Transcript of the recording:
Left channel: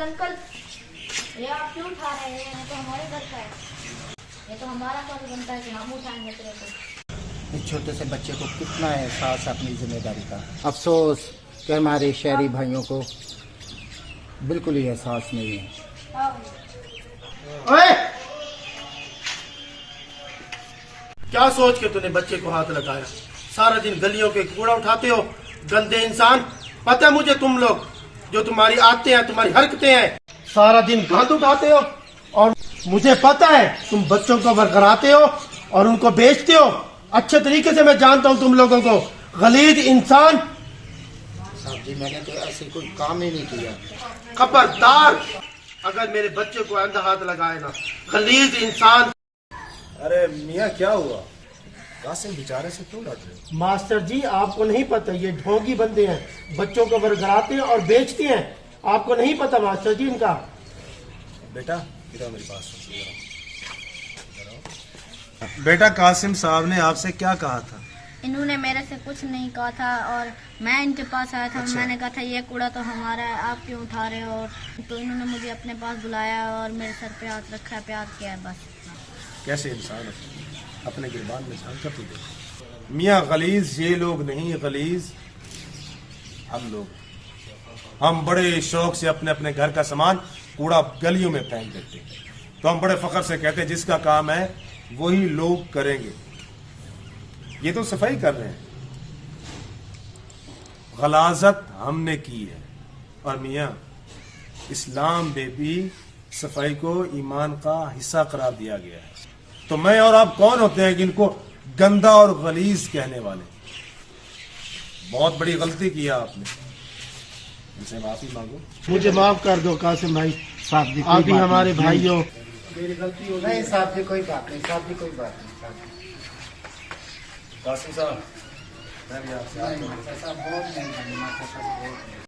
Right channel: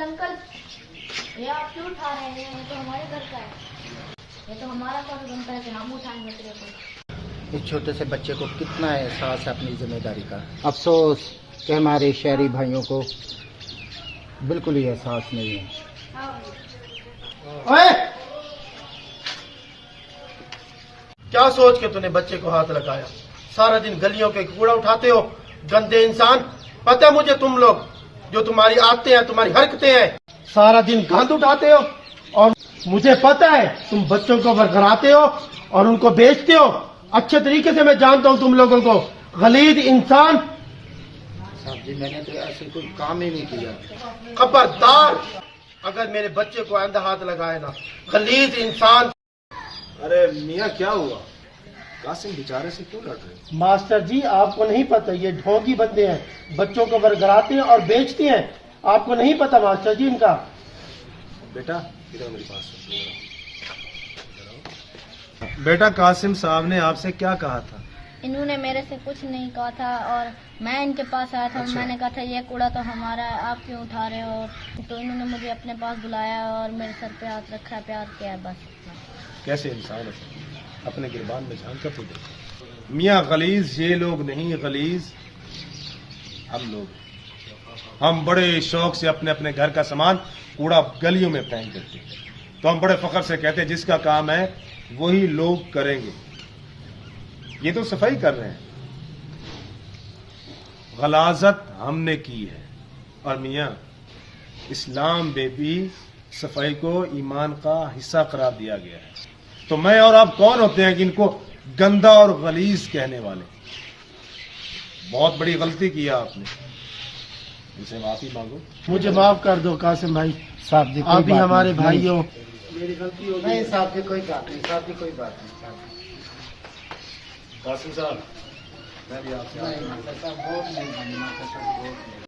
Uncle ये आप क्यों उठा रहे हैं? ये तो हमारे घर का है, ये तो हमारा फर्ज बनता है कि हम उठाएंगे तेरे को। इस छोटे से बच्चे को कितना एहसास है अपनी जिम्मेदारी का। अफसोस कि हमारे शहरी भाइयों को बिल्कुल ही एहसास नहीं है। ओए! क्या सोच के तूने बच्चे को हाथ लगाया? सारा दिन गलियों के कूड़ा उठाते हो, गंदे इंसान। पता है मुझे तुम लोग, जो तुम्हारी आदतें हैं, तुम्हारी हरकतें हैं, सारा दिन गंद उठाते हो। और मुझे पता है तुम बच्चों को वरगलाते हो और उनको बेचते हो। अच्छे तरीके से मैं जानता हूँ तुम लोगों को, गलीज इंसान। साहब जी, मैंने तो ऐसे कोई काम ही नहीं किया। खबरदार, अगर मेरे बच्चे को आंधा हाथ लगाए ना, गलीज इंसान। अरे मियाँ क्या हुआ? कासिम बेचारे से क्यों लड़ रहे? मास्टर जी, आपको नहीं पता, ये ढोंगी बंदे हैं, बच्चों को वरगलाते हैं और बेचते हैं। आपको नहीं पता मास्टर जी इनका। बेटा इधर मेरे पास बेटा, कासिम साहब ने आपसे क्या कहा था? इन्होंने मेरे से कुछ नहीं कहा था और मैं इनके पास आया था। अच्छा। मैंने कहा था ये कूड़ा तो हमारा है, आप क्यों उठा रहे हो? तो इन्होंने मुझे अपने पास बुलाया और मेरे सर पे हाथ रखा, प्यार किया है, बस इतना। कैसे इंसान हो, अपने गिरबान में झांक कर तो देखो। मियाँ गलीज ये लोग नहीं, गलीज हम लोग हैं। हम बड़े शौक से अपने अपने घर का सामान कूड़ा गलियों में फेंक देते हैं, तो हम बड़े फख्र से कहते हैं जिसका काम है वही लोग करेंगे। ये तो सफाई कर रहे हैं, गलाजत हमने की है। और मियाँ, इस्लाम में भी सफाई को ईमान का हिस्सा करार दिया गया है। तो मैं और आप कौन होते हैं कि इनको गंदा और गलीज कहने वाले? बहुत बड़ी गलती किया आपने, इनसे माफी मांगो। मुझे माफ कर दो कासिम भाई, साहब जी, आप भी हमारे भाई हो। मेरी गलती हो नहीं साहब जी, कोई बात नहीं साहब जी, कोई बात नहीं साहब जी। कासिम साहब, मैं भी आपसे नहीं मास्टर साहब, बहुत मेहरबानी मास्टर साहब, बहुत मेहरबानी।